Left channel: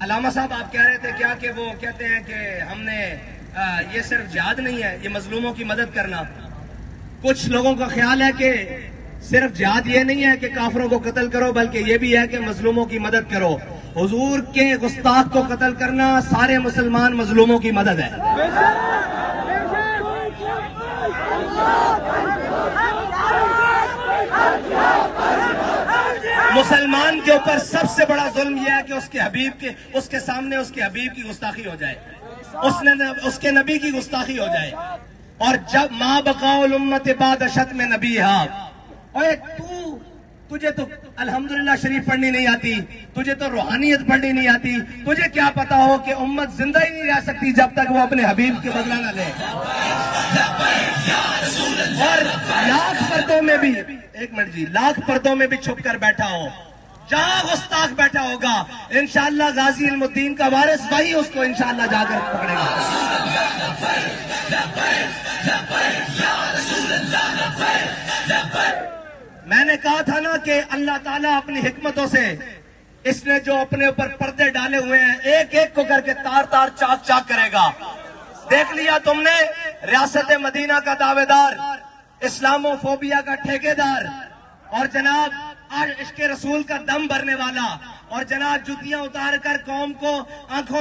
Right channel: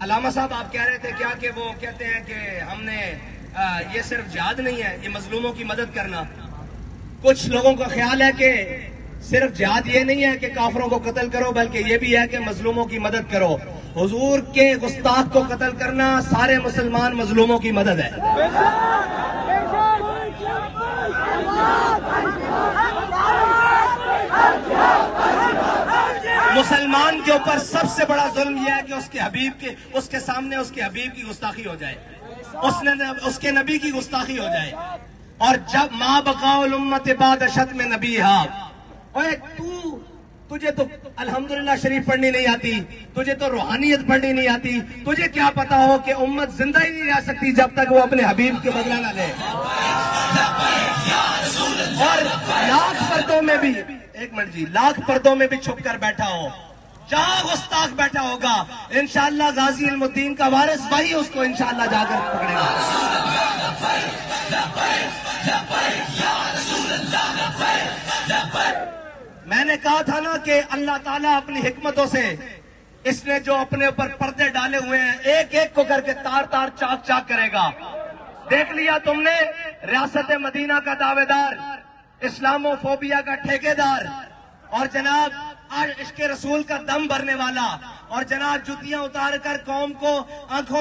अलामा साहब आप कह रहे थे क्या कि वो कहते हैं कि हमने ये सिर्फ जिहाद नहीं है, ये मजलूमों की मदद करना। कुछ लोगों का ख्याल है कि सिर्फ जिहाद ये नहीं है कि काफरों को कत्ल करो, बल्कि ये भी है कि मजलूमों की मदद करो। हुजूर के गुस्ताख को कत्ल करना सारे मुसलमान मजलूमों की मदद है। मुसलमान के ऊपर सबसे बड़ा जुल्म यह है कि उसके सामने उसके हबीब की गुस्ताखी हो जाए, उसके नबी की गुस्ताखी हो जाए। और जब माँ बकाउल उम्मत बाद अशद में नबी ओए तुझे तो अल्हम्दुलिल्लाह शरीफ पढ़नी नहीं आती, तुझे तो रूहानियत पढ़नी नहीं आती, तुझे क्या पता हो कि उम्मत जिंदा ही नहीं रह सकती जब तक वो अपने हबीब के बदला ना ले। और लाख पर्दों में भी, एक मिनट जी, लाख पर्दों में भी छुप कर बैठा हो, जहां गुस्ताख बैठा होगा, इंशाअल्लाह गाजी इल्मुद्दीन का वारिस वही उसको इंशाअल्लाह जाकर पकड़ेगा। मैंने कहा था ना कि अल्लाह ताला अपनी हिकमतों से इसने जो अपने ऊपर पर्दे डाले हुए हैं, एक एक को करके तार तार चाक चाक करेगा। देख लिया तुमने, रियासत मदीना का दावेदार, इस्लामोफोबिया का ठेकेदार, और जनाब आज इश्क रसूल का दम भरने वाला, और जनाब जुतियां उतार कर कौम को आंखों